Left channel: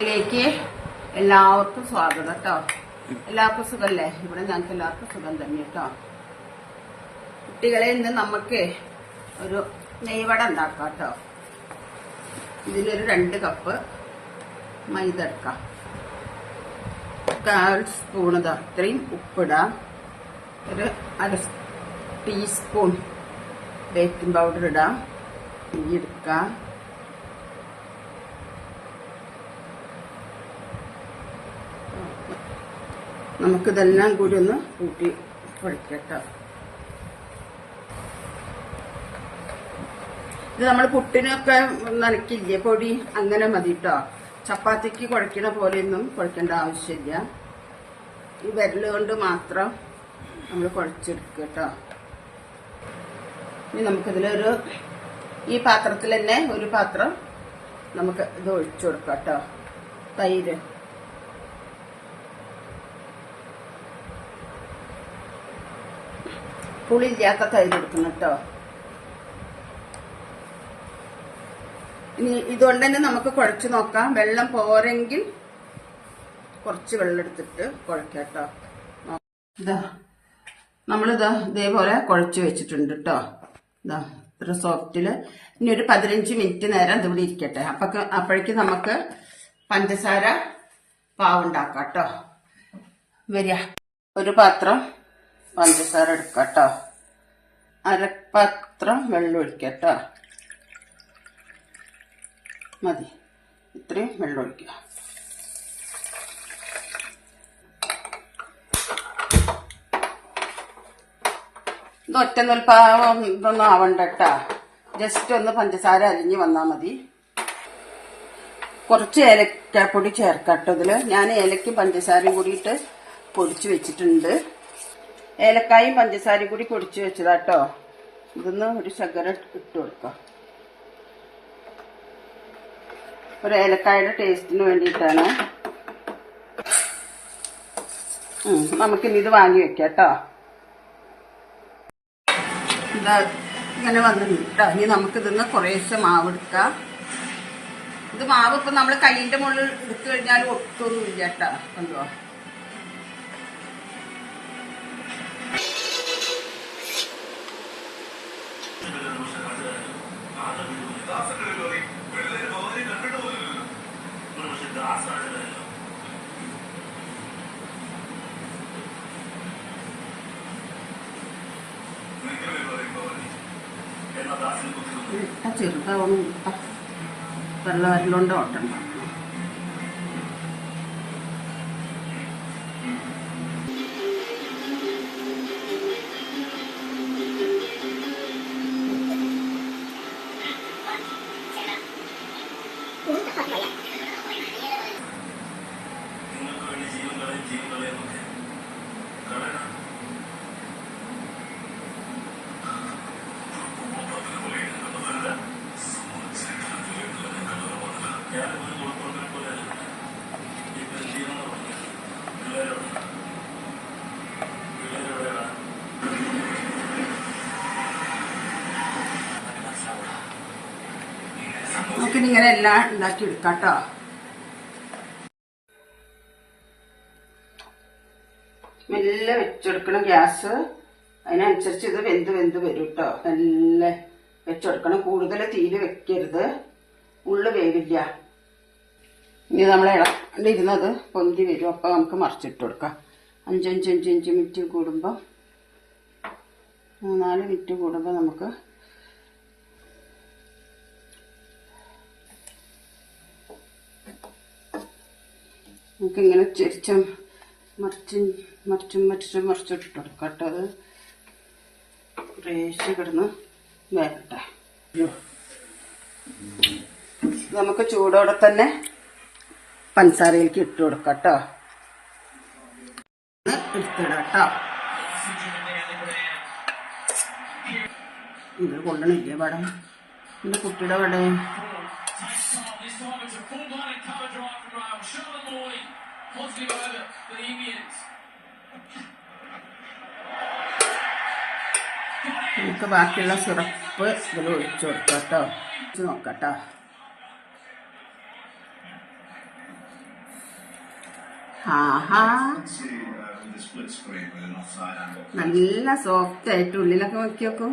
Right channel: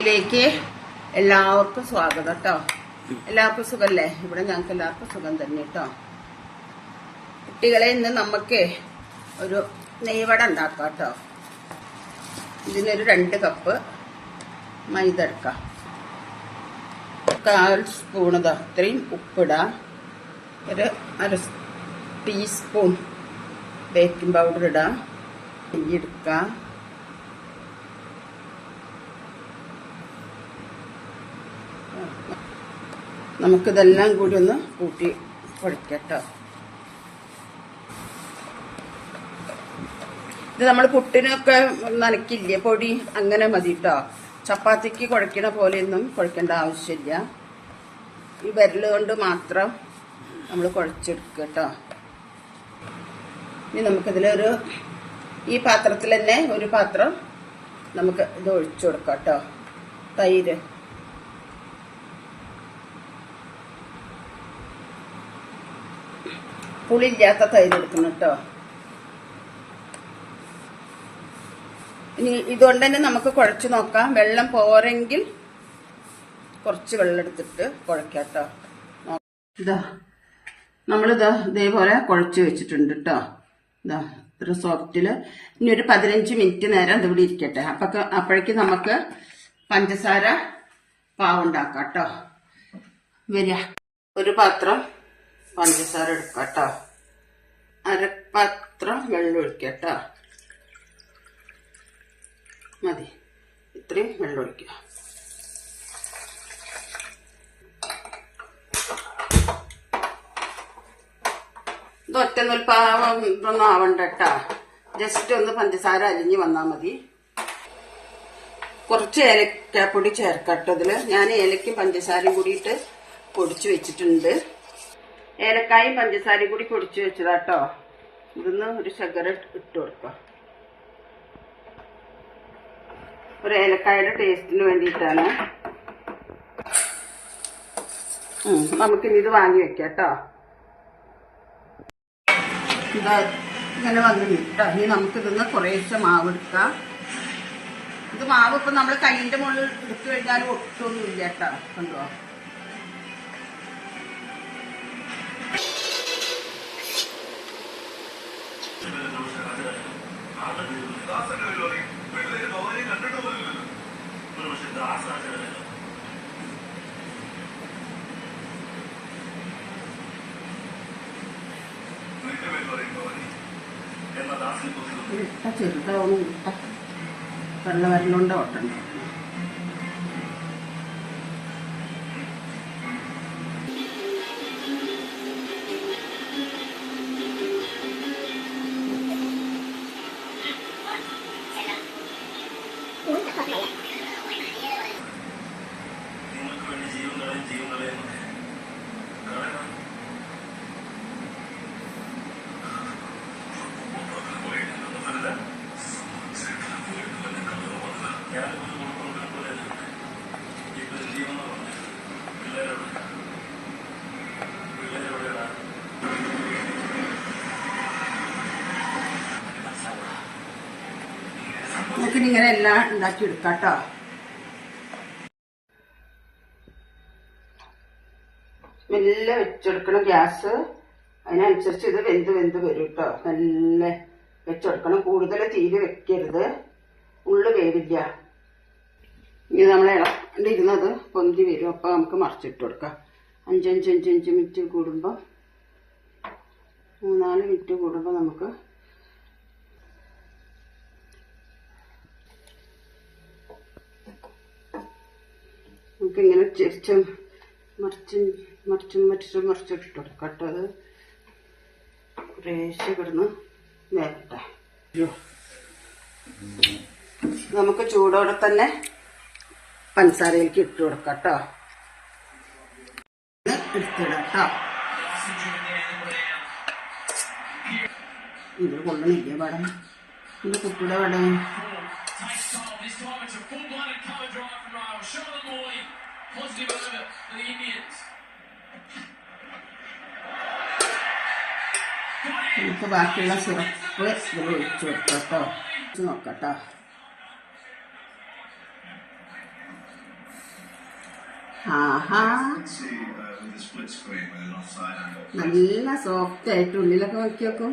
ിലേക്ക് എല്ലാവർക്കും സ്വാഗതം കേട്ടോ. എല്ലാവർക്കും സുഖല്ലേ? ഇവിടെ ഞങ്ങൾക്ക് എല്ലാവർക്കും സുഖം തന്നെ കേട്ടോ. കുട്ടികളെ ഇന്ന് നമുക്ക് ഒരു നെയ്വട ഉണ്ടാക്കാം കേട്ടോ. ഇതിനൊരു 2 കപ്പ് മൈദ എടുക്കാം. 1/4 സ്പൂൺ ഇത്രയും ഉപ്പിടാം. ഒരു 1/2 ടീസ്പൂൺ ബേക്കിംഗ് പൗഡർ ഇടാം. നെയ്യ് എടുക്കാം. നമുക്കിതെല്ലാം കൂടി ഒന്ന് കൂട്ടി കുഴക്കട്ടോ. ഇത് നമ്മൾ പുട്ടിനൊക്കെ നനയ്ക്കില്ലേ പൊടി, അങ്ങനെ മതി കേട്ടോ. ചപ്പാത്തിക്ക് കുഴക്കണ പോലെയൊന്നും കുഴക്കേണ്ട ആവശ്യമില്ല. ഈ വിരല് കൊണ്ട് മാത്രം നമ്മൾ കുഴച്ചെടുക്കുക കേട്ടോ. ഇനി നമുക്കിതിലൊരു ഈ പാത്രത്തിൽ തന്നെ ഒരു പാത്രം നമുക്ക് ഇത് ഒഴിച്ചു കൊടുക്കാം കേട്ടോ. തൈര് പുളിയില്ലാത്ത തൈര് എടുക്കണം കേട്ടോ. ഇനി ഇതുകൊണ്ട് തന്നെ നമുക്ക് കുഴച്ച് നോക്കാം. വെള്ളം പോരെങ്കിൽ കുറച്ച് വെള്ളം എടുത്തിട്ട് കുഴക്കാം കേട്ടോ. ഇതാ നമ്മളിതാ ഇതേപോലെ കുഴച്ച് വെച്ചിട്ടുണ്ട് കേട്ടോ. ഇതാ ഇത്ര സോഫ്റ്റില്. ഇനി ഒരു 15 മിനിറ്റ് നേരം ഇതിവിടെ ഇരിക്കട്ടെ. അപ്പോഴേക്ക് നമുക്ക് പഞ്ചസാര പാവുണ്ടാക്കാം കേട്ടോ. വരിക, ഒരു പാത്രം പഞ്ചസാര എടുക്കട്ടോ. 1/2 പാത്രം വെള്ളം ഒഴിക്കട്ടോ. മതി, ഇത്രയും വെള്ളം ഒഴിക്കുക. ഇത് ഒറ്റ നൂൽപ്പാവം ഇതൊന്നും ആവണ്ട കേട്ടോ. ജസ്റ്റ് ഒന്ന് പഞ്ചസാര അലിഞ്ഞ് വന്നാൽ മതി. കുറച്ച് ഏലക്കാപ്പൊടി ചേർക്കട്ടോ. ഇതില് ഞാൻ ഏലക്കും പഞ്ചസാരയും കൂടിയിട്ട് പൊടിച്ചു വെച്ചിട്ടുണ്ട്. ഏലക്കായും പഞ്ചസാരയും കൂടി പൊടിച്ചു വെച്ചതാട്ടോ. ഇതൊന്ന് ഒരു ശകലം ഇട്ട് കൊടുക്കാം. ഒരു ഏലക്കായുടെ ടേസ്റ്റിന് വേണ്ടിയിട്ടാണ്. നമുക്കിനി ഇത് വാങ്ങി വെക്കാം കേട്ടോ. ഇതാ ഇങ്ങനെ വന്ന് കേട്ടോ. ഇനി നമുക്കിതൊന്ന് കുറേശ്ശെ മാവ് എടുക്കാം. ഇത് മാവ് ഇപ്പൊ നമ്മൾ കൈയിന്റെ മുകളിൽ എടുത്തു കഴിഞ്ഞാൽ ഒട്ടൊന്നും ഇല്ല കേട്ടോ. കണ്ടോ? ചെറുതാവണം. വെള്ള വരലുകൊണ്ട് ഓട്ടണ്ട. നമുക്കിനിങ്ങനെ എല്ലാം ഉണ്ടാക്കി എടുക്കാം കേട്ടോ. മെല്ലെ വെച്ചെടുക്കണം ഗ്യാസ്. അതിനനുസരിച്ച് ഇത് വെന്ത് വരും കേട്ടോ. മെല്ലെ വെച്ചെടുക്കണം. കൂടുതൽ തീരെ വെക്കരുത്, ഉള്ളു വേവില്ല. ഇനി നമ്മൾ ഇളണ്ടിരുന്നത് പൊന്തി വരും. അപ്പൊ നമുക്ക് മറിച്ചിട്ട് കൊടുക്കാം. 5 മിനിറ്റ് കൂടുമ്പോൾ 3-4 മിനിറ്റ് കൂടുമ്പോൾ നമുക്ക് നമുക്കിങ്ങനെ മറിച്ചിട്ട് കൊടുക്കാം കേട്ടോ. അത് കുറേശ്ശെ കിടന്ന് വേകട്ടെ. നമുക്ക് ചൂടോടെ തന്നെ പഞ്ചസാരയിലേക്ക് ഇട്ട് കൊടുക്കാം കേട്ടോ. എടുത്തിടാം കേട്ടോ. ഇത് കൊള്ളണില്ലേ പടം? എന്റെ കുട്ടിയുടെ പടം നമുക്ക് ബാക്കിയുള്ള സിറപ്പ് ഇതിൽ ഒഴിച്ചു കൊടുക്കാം കേട്ടോ. നോക്കട്ടോ. ആഹാ, നല്ല സോഫ്റ്റ് ആയിട്ട് ഉള്ളിലൊക്കെ നോക്കി നോക്കും.